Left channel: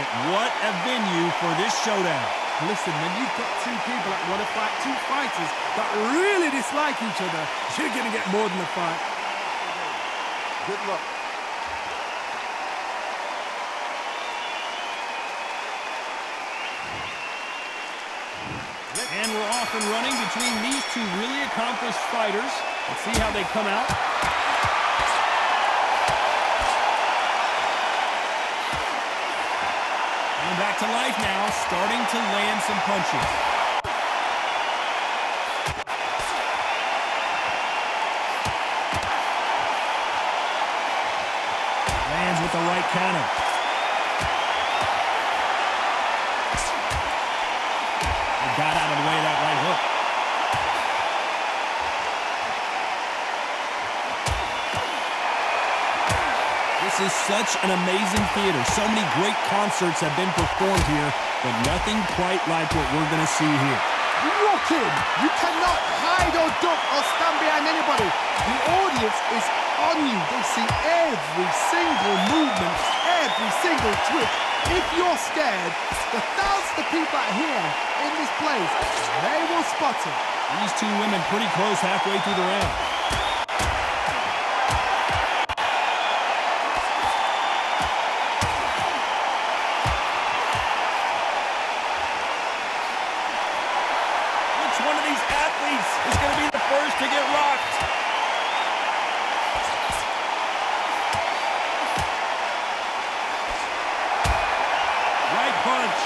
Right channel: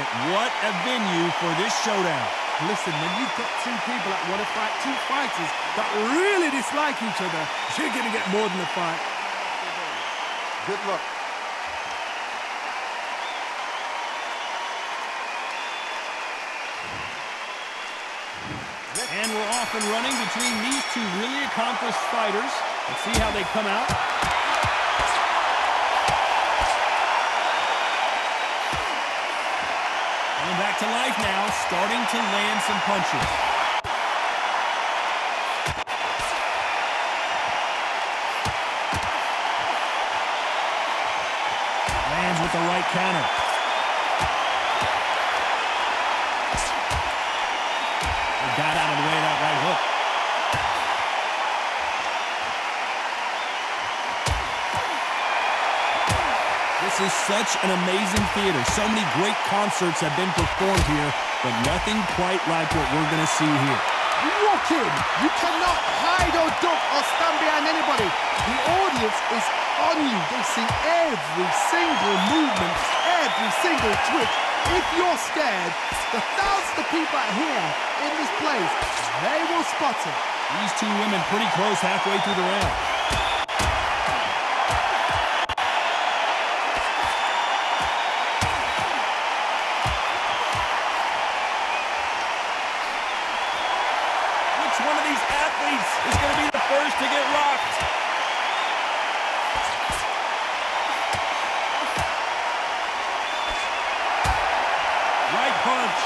opponent. What a venue for this showdown. Listen, when you've got two people that want to fight, two fighters that really dislike each other, you're going to get more than a fight. Good luck. And we're off and running between these two really accomplished fighters. Let's see how they come out. Coming back to life now, starting to land some punches. Lands with the right counter. Got out of the way of that right hook. This is such an amazing theater. So many great concerts have been performed here, but nothing quite like what we're going to see here. You walk in, you cannot hide or duck or stand behind anybody. The audience is on you. They see every single movement, every single twitch. If you're scared, the thousands of people out here in this place, they will spot it. These two women pretty close halfway through the round. Which one of these athletes is going to be the first to get rocked? Right punch.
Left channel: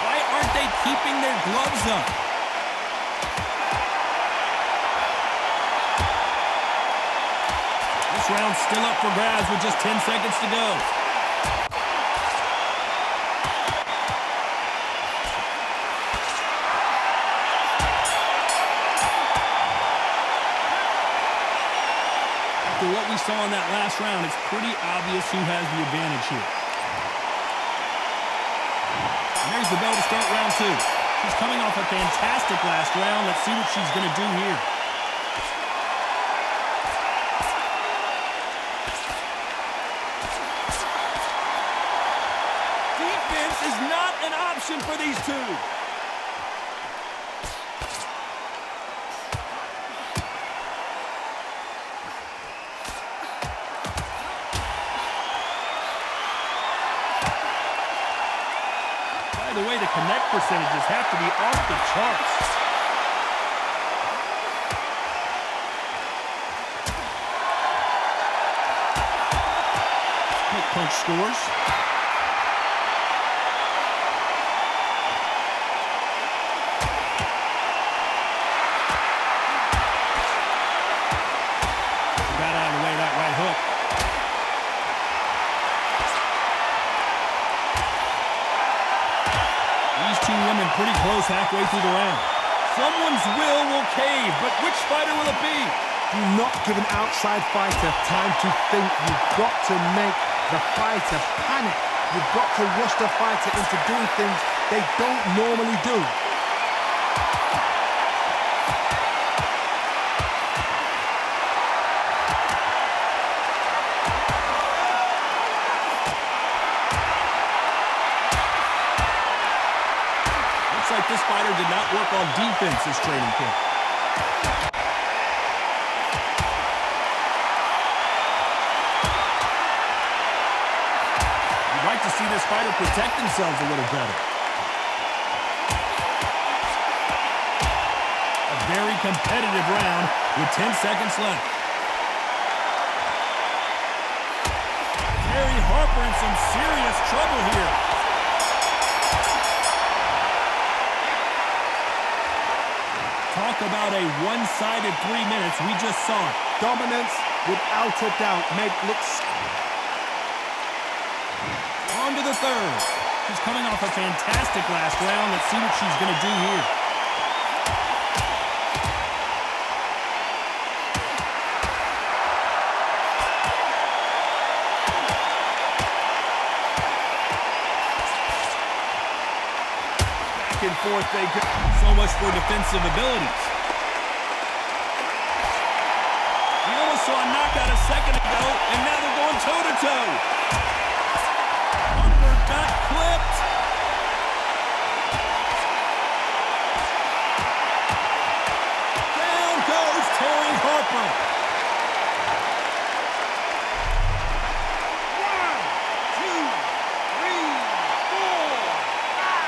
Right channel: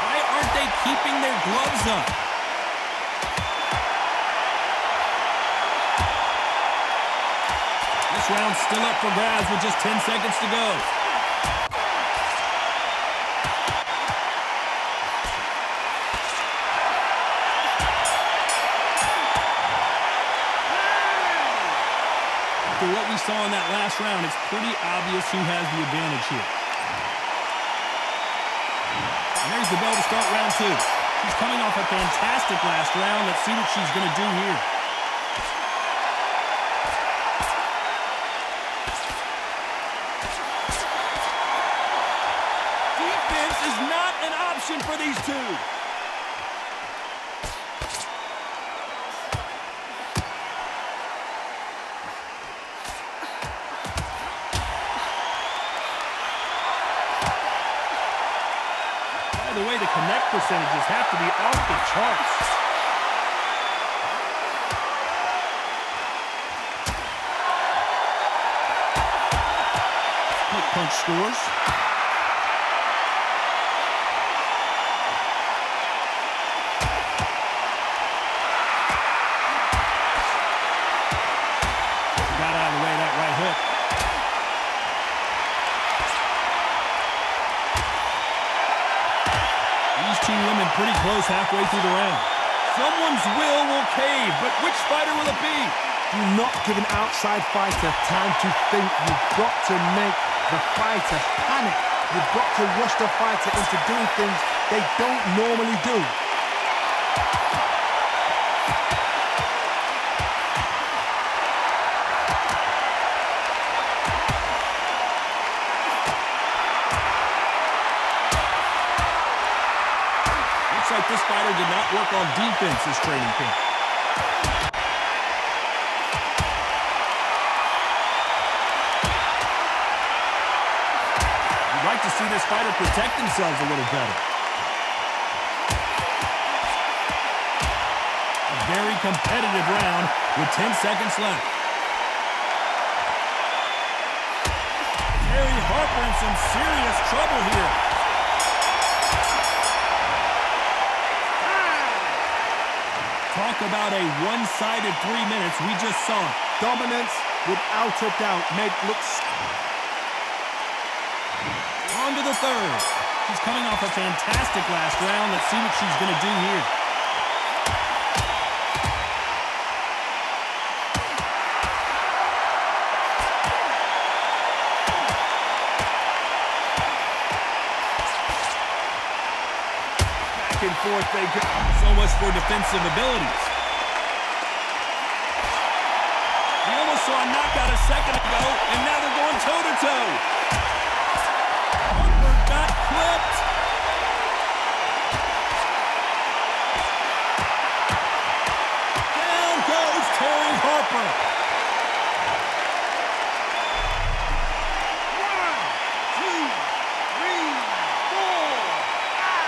Why aren't they keeping their gloves up? This round's still up for grabs with just 10 seconds to go. After what we saw in that last round, it's pretty obvious who has the advantage here. And there's the bell to start round two. She's coming off a fantastic last round. Let's see what she's going to do here. Defense is not an option for these two. By the way, the connect percentages have to be off the charts. Quick punch scores. Got out of the way of that right hook. These two women pretty close halfway through the round. Someone's will cave, but which fighter will it be? Do not give an outside fighter time to think. You've got to make the fighter panic. You've got to rush the fighter into doing things they don't normally do. Looks like this fighter did not work on defense this training camp. You'd like to see this fighter protect themselves a little better. A very competitive round with 10 seconds left. Terry Harper in some serious trouble here. Talk about a one-sided 3 minutes. We just saw it. Dominance, without a doubt, looks... On to the third. She's coming off a fantastic last round. Let's see what she's going to do here. back and forth they go. So much for defensive abilities. We almost saw a knockout a second ago, and now they're going toe-to-toe. Harper got clipped. Down goes Terry Harper. 1, 2, 3, 4, 5.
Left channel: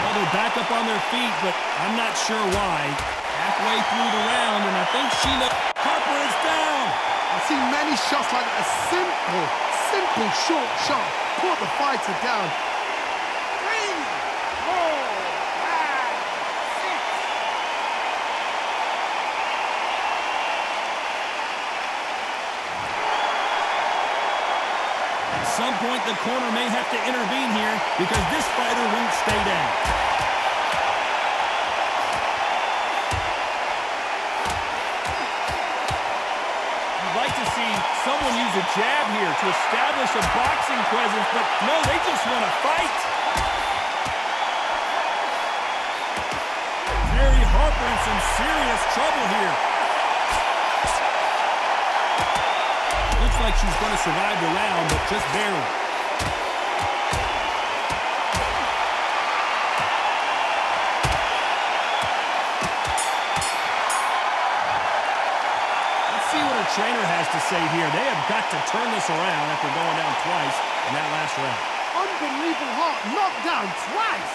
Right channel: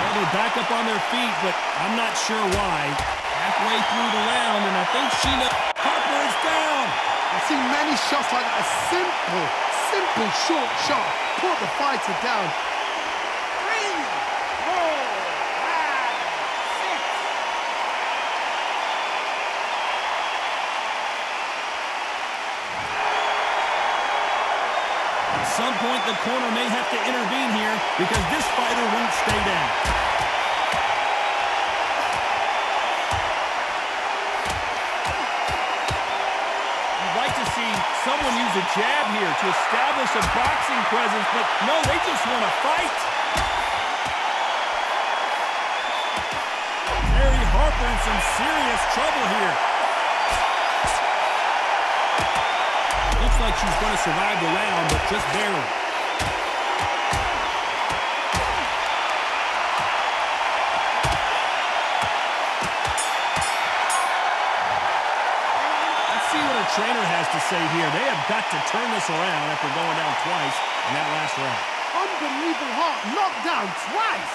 Well, they're back up on their feet, but I'm not sure why. Halfway through the round, and I think Harper is down. I've seen many shots like that. A simple short shot. Put the fighter down. 3, 4, 5, 6. At some point, the corner may have to intervene here because this fighter won't stay down. You'd like to see someone use a jab here to establish a boxing presence, but no, they just want to fight. Terry Harper in some serious trouble here. Looks like she's going to survive the round, but just barely. Let's see what her trainer has to say here. They have got to turn this around after going down twice in that last round. Unbelievable heart. Knocked down twice.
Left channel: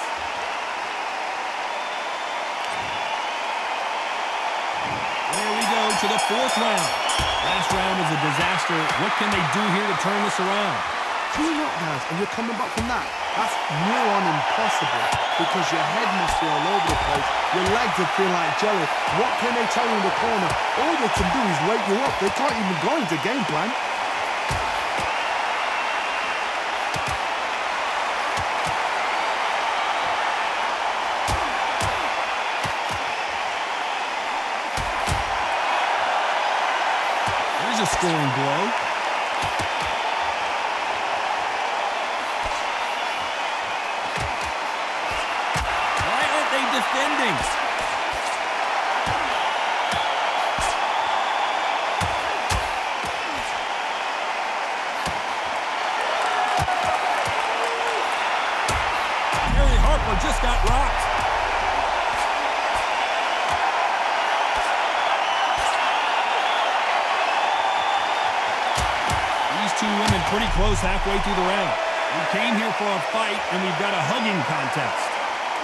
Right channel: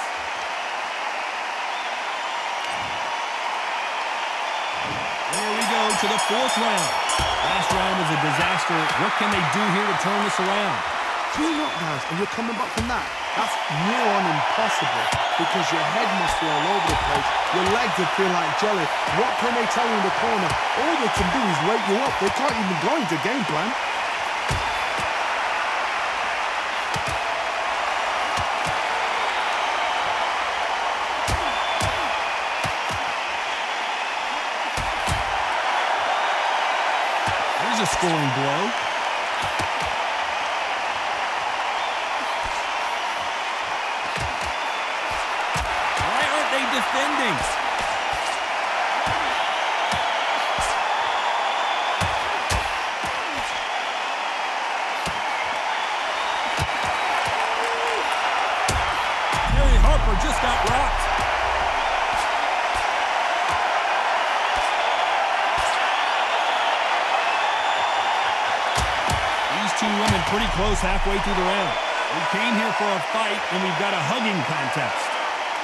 There we go to the fourth round. Last round was a disaster. What can they do here to turn this around? 2 knockdowns and you're coming back from that. That's near on impossible because your head must be all over the place. Your legs would feel like jelly. What can they tell you in the corner? All they can do is wake you up. They can't even go into game plan. There's a scoring blow. Why aren't they defending? Terry Harper just got rocked. Two women pretty close halfway through the round. We came here for a fight, and we've got a hugging contest.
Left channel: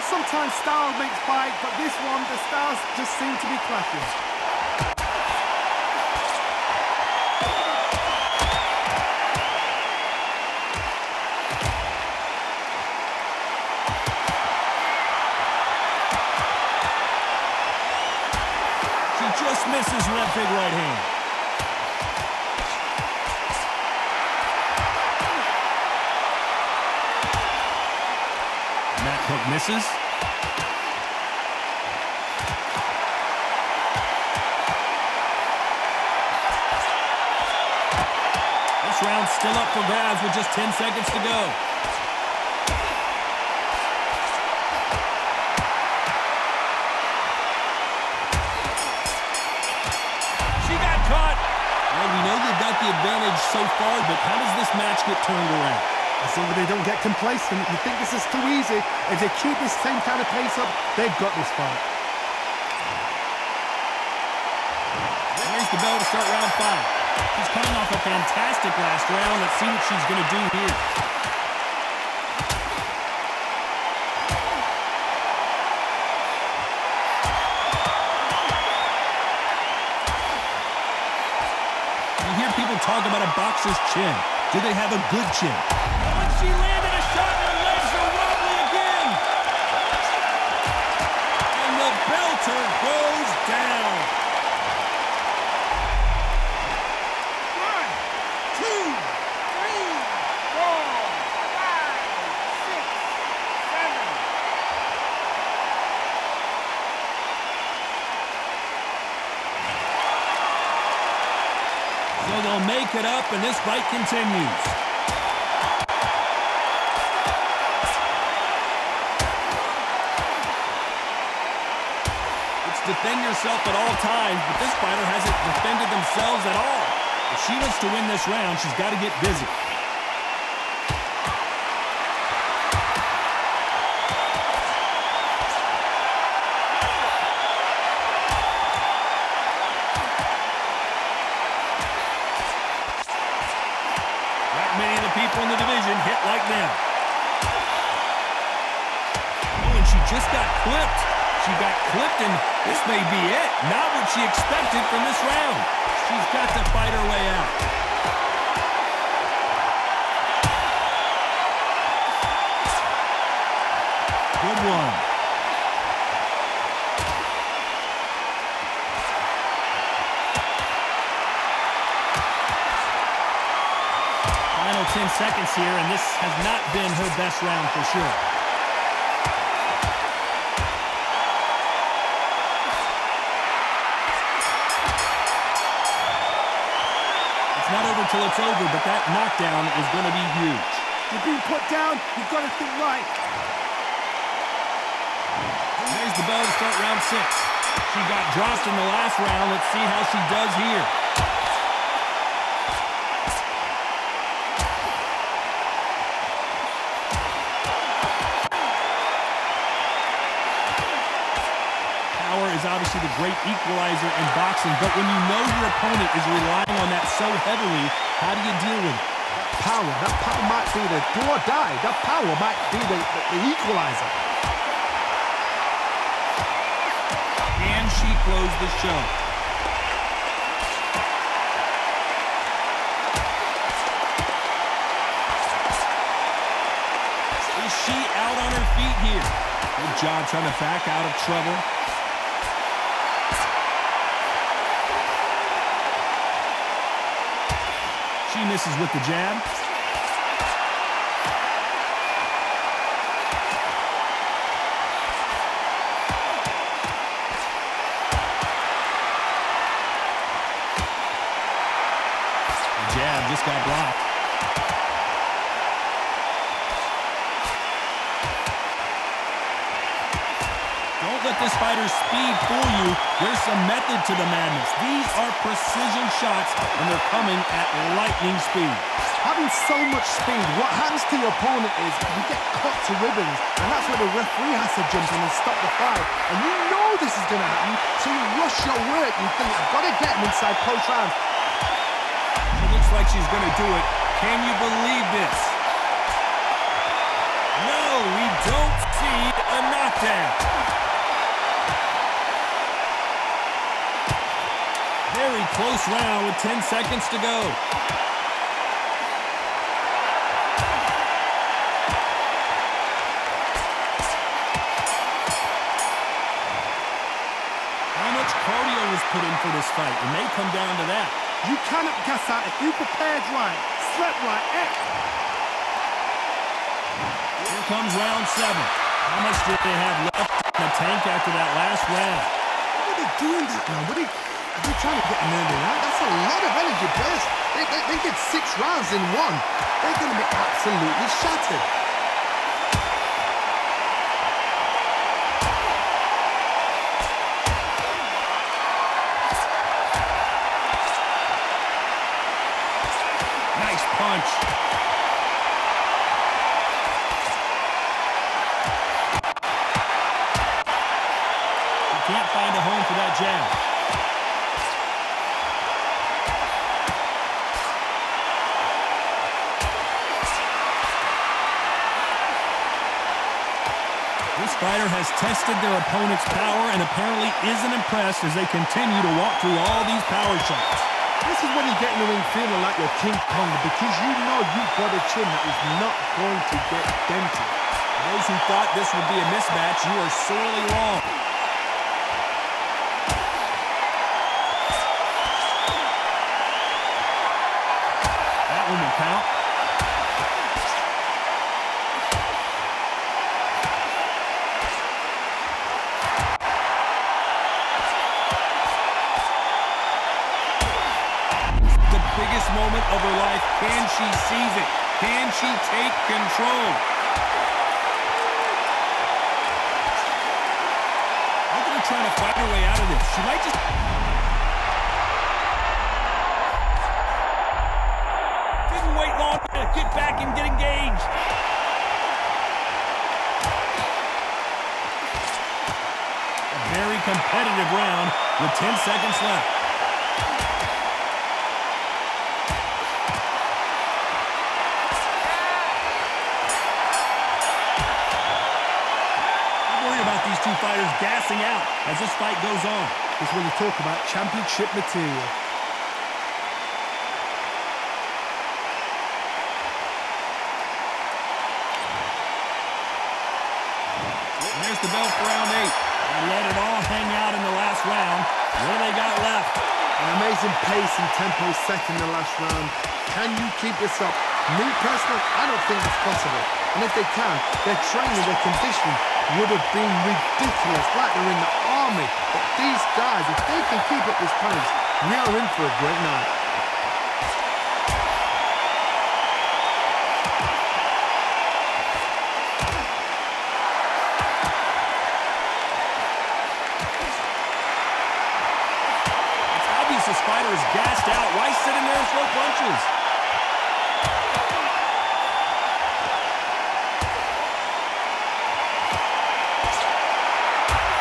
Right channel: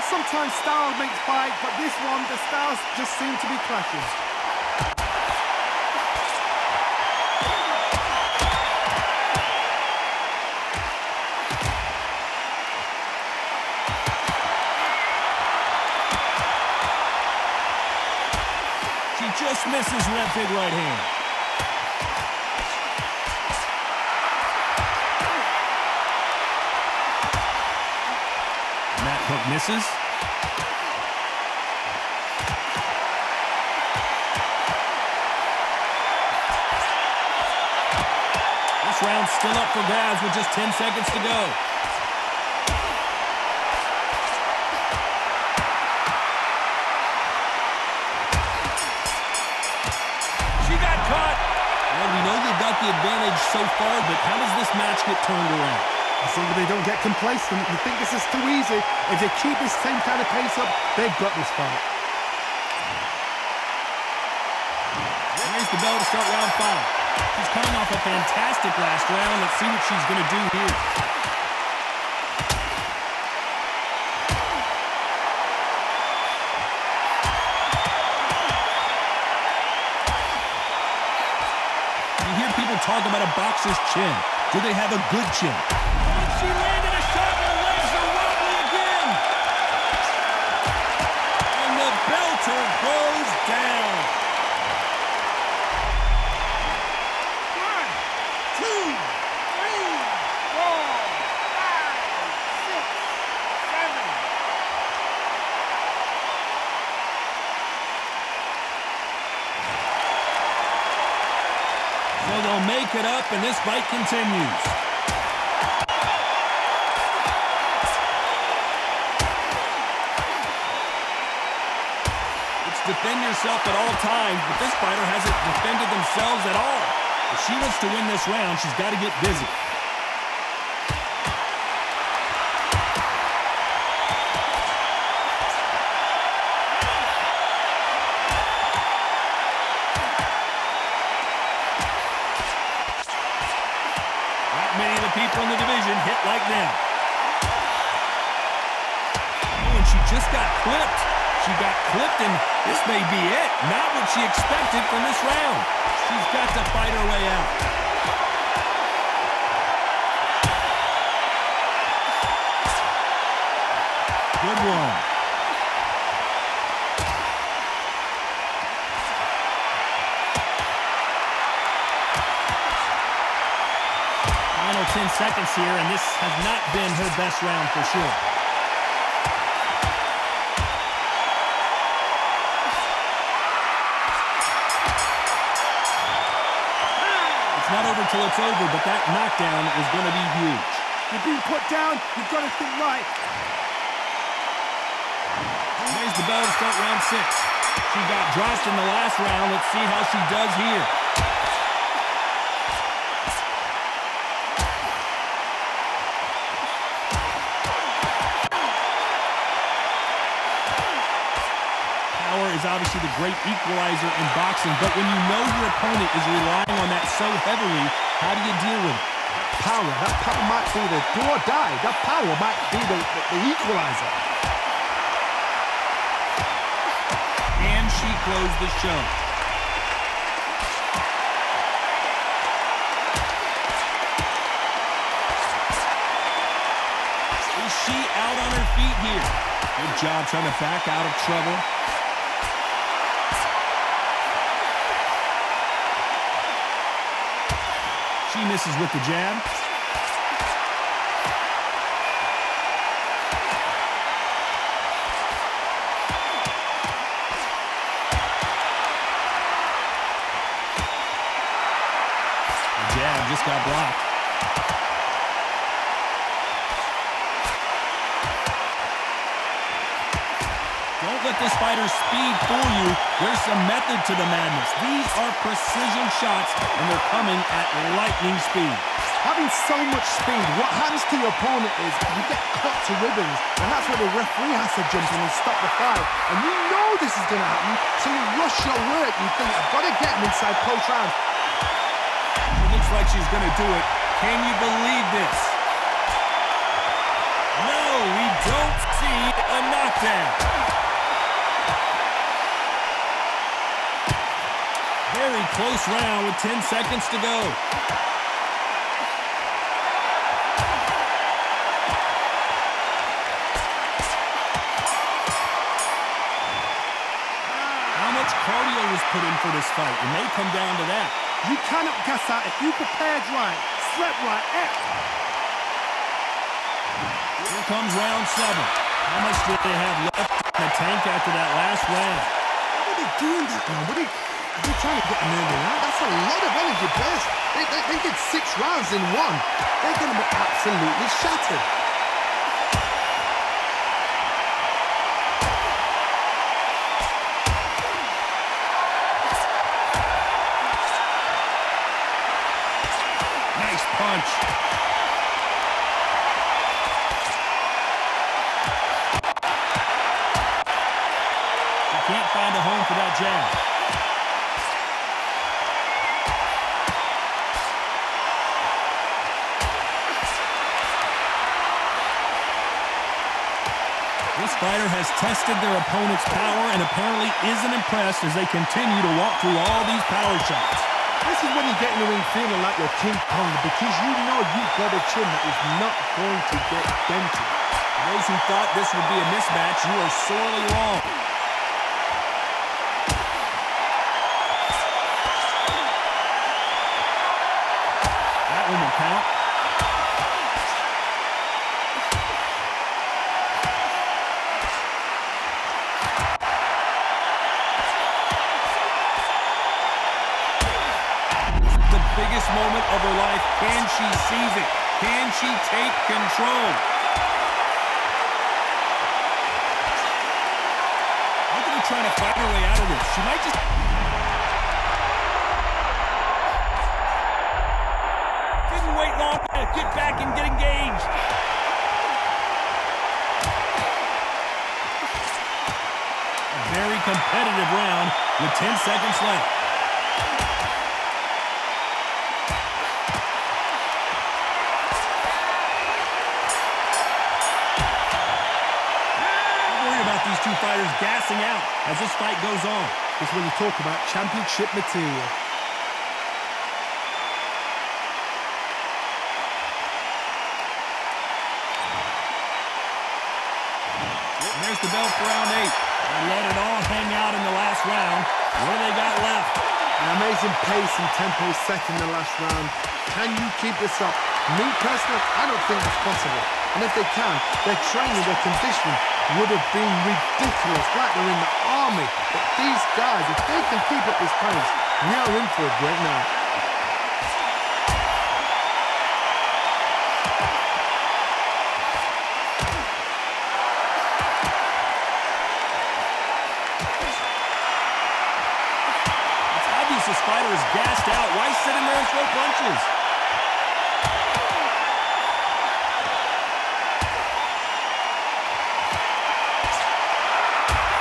Sometimes style makes fight, but this one, the styles just seem to be clashing. She just misses with that big right hand. That hook misses. This round's still up for grabs with just 10 seconds to go. She got caught. Well, we know they've got the advantage so far, but how does this match get turned around? As long as they don't get complacent, you think this is too easy. If they keep this same kind of pace up, they've got this fight. There's the bell to start round 5. She's coming off a fantastic last round. Let's see what she's going to do here. You hear people talk about a boxer's chin. Do they have a good chin? She landed a shot and her legs are wobbly again. And the belter goes down. 1, 2, 3, 4, 5, 6, 7. So they'll make it up, and this fight continues. It's defend yourself at all times, but this fighter hasn't defended themselves at all. If she wants to win this round, she's got to get busy. Many of the people in the division hit like them. Oh, and she just got clipped. She got clipped, and this may be it. Not what she expected from this round. She's got to fight her way out. Good one. Final 10 seconds here, and this has not been her best round for sure. It's not over till it's over, but that knockdown is going to be huge. You're being put down, you've got to think right. There's the bell to start round 6. She got dropped in the last round. Let's see how she does here. Is obviously the great equalizer in boxing, but when you know your opponent is relying on that so heavily, how do you deal with it? That power might be the do or die. That power might be the equalizer. And she closed the show. Is she out on her feet here? Good job trying to back out of trouble. She misses with the jab. The jab just got blocked. Don't let this fighter's speed fool you. There's some method to the madness. These are precision shots, and they're coming at lightning speed. Having so much speed, what happens to your opponent is you get cut to ribbons, and that's where the referee has to jump in and stop the fight. And you know this is going to happen, so you rush your work. You think, I've got to get him inside close rounds. It looks like she's going to do it. Can you believe this? No, we don't see a knockdown. Very close round with 10 seconds to go. How much cardio was put in for this fight? It may come down to that. You cannot gas out if you prepared right, slept right. Here comes round 7. How much did they have left in the tank after that last round? What are they doing that now? Are they trying to get an early out? That's a lot of energy burst. They did 6 rounds in one. They're going to be absolutely shattered. Nice punch. She can't find a home for that jab. This fighter has tested their opponent's power and apparently isn't impressed as they continue to walk through all these power shots. This is when you get in the ring feeling like you're King Kong because you know you've got a chin that is not going to get dented. For those who thought this would be a mismatch, you are sorely wrong. That one will count. biggest moment of her life. Can she seize it? Can she take control? Look at her trying to fight her way out of this. She might just... Didn't wait long to get back and get engaged. A very competitive round with 10 seconds left. About these two fighters gassing out as this fight goes on. This is when you talk about championship material. And there's the bell for round 8. They let it all hang out in the last round. What do they got left? An amazing pace and tempo set in the last round. Can you keep this up? Me personally, I don't think it's possible. And if they can, their training, their conditioning would have been ridiculous, like they're in the army. But these guys, if they can keep up this pace, we are in for a great night. It's obvious this fighter is gassed out. Why sit in there and throw punches?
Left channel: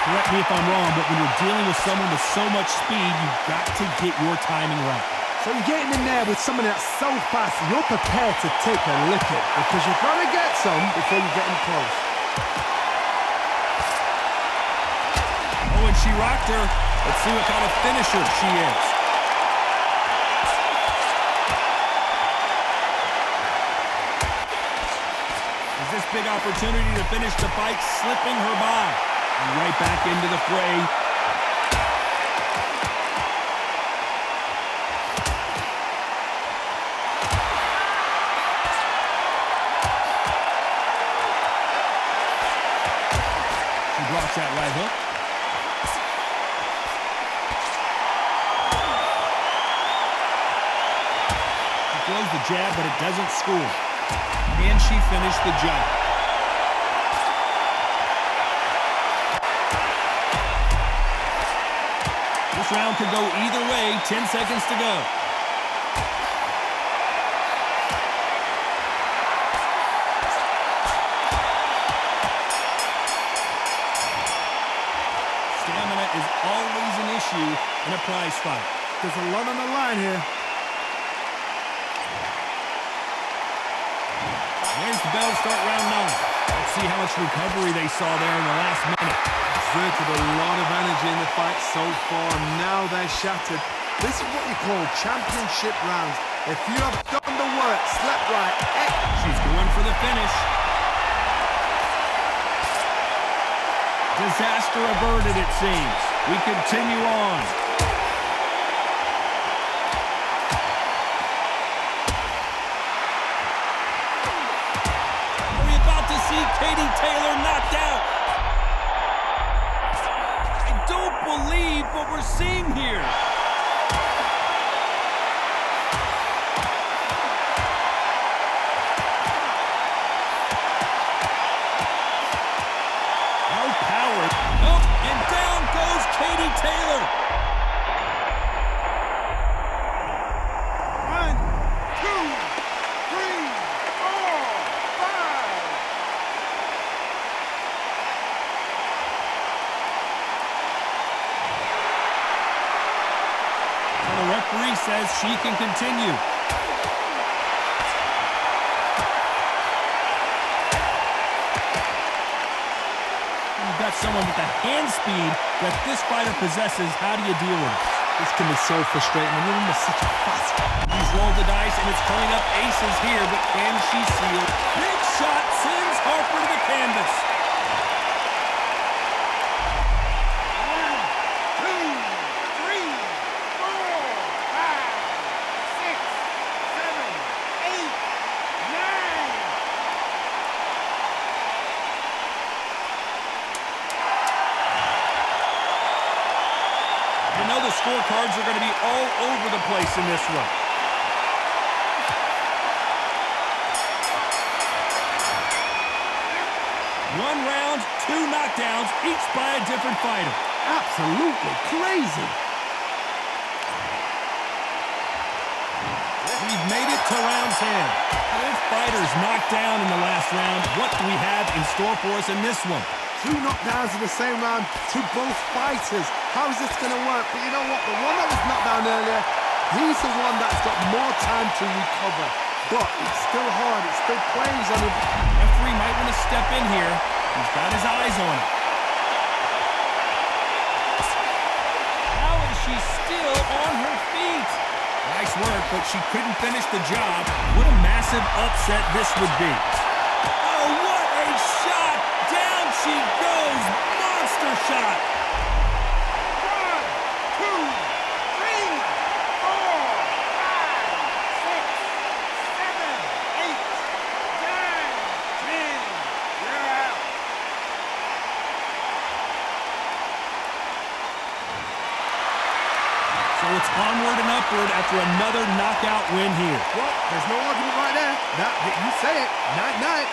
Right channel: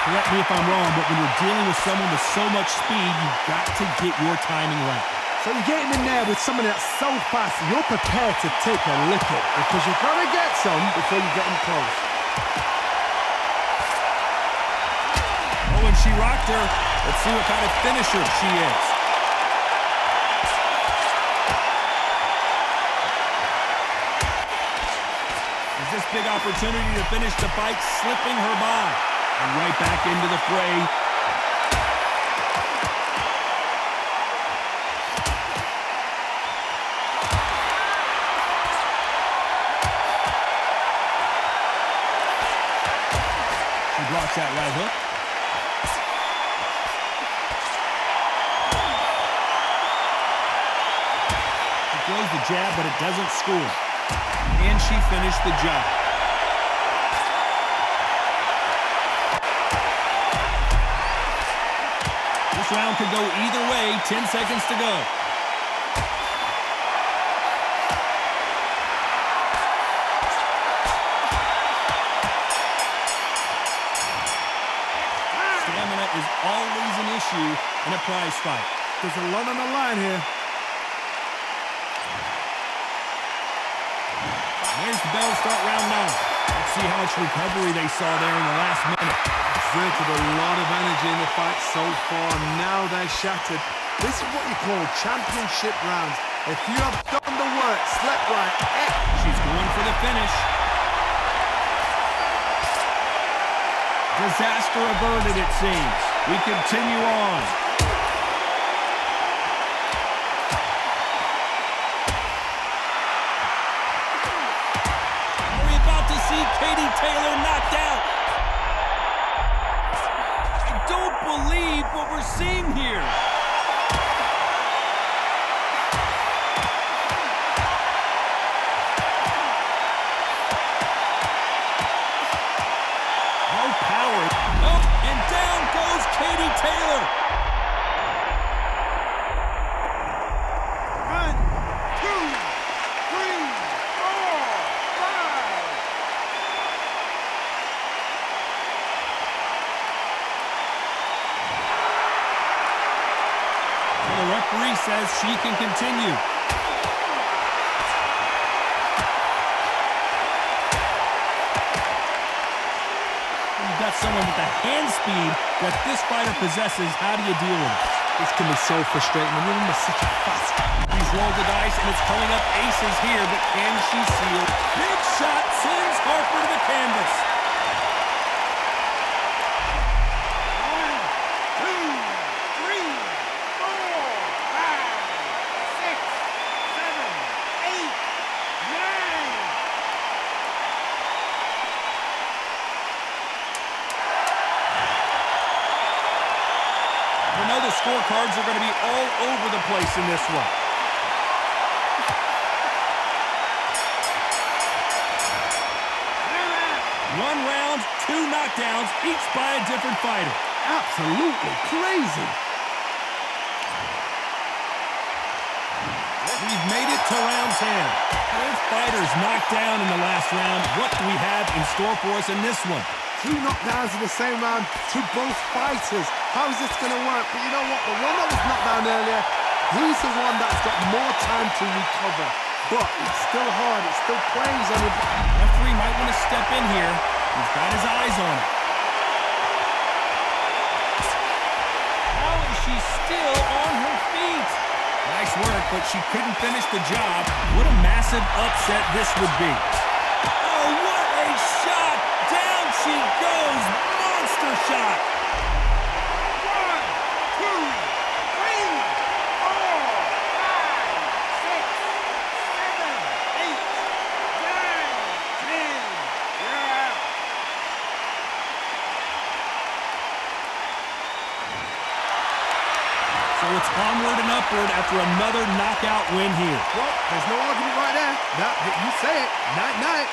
Correct me if I'm wrong, but when you're dealing with someone with so much speed, you've got to get your timing right. So you're getting in there with someone that's so fast, you're prepared to take a licking because you've got to get some before you get in close. Oh, and she rocked her. Let's see what kind of finisher she is. Is this big opportunity to finish the fight slipping her by? And right back into the fray. She blocks that right hook. She throws the jab, but it doesn't score. And she finished the job. This round could go either way. 10 seconds to go. Stamina is always an issue in a prize fight. There's a lot on the line here. There's the bell to start round 9. Let's see how much recovery they saw there in the last minute. Exerted a lot of energy in the fight so far. Now they're shattered. This is what you call championship rounds. If you have done the work, slept right, she's going for the finish. Disaster averted, it seems. We continue on. Are we about to see Katie Taylor knocked out? I don't believe what we're seeing here. No power. Oh, and down goes Katie Taylor. 1, 2, 3, 4, 5. So the referee says she can continue. You've got someone with the hand speed that this fighter possesses. How do you deal with it? this can be so frustrating when you're under such a fast. He's rolled the dice, and it's coming up aces here, but can she seal? Big shot sends Harper to the canvas. 1, 2, 3, 4, 5, 6, 7, 8, 9. You know the scorecards are going to be all over the place in this one. 1 round, 2 knockdowns, each by a different fighter. Absolutely crazy. We've made it to round 10. Both fighters knocked down in the last round. What do we have in store for us in this one? 2 knockdowns in the same round to both fighters. How is this going to work? But you know what? The one that was knocked down earlier, he's the one that's got more time to recover. But it's still hard. It still plays on him. Referee might want to step in here. He's got his eyes on it. How is she still on her feet? Nice work, but she couldn't finish the job. What a massive upset this would be. Oh, what a shot! Down she goes! Monster shot! 1, 2, 3, 4, 5, 6, 7, 8, 9, 10. You're out. So it's onward and upward after another knockout win here. Well, there's no argument right there. Now, you say it. Night-night.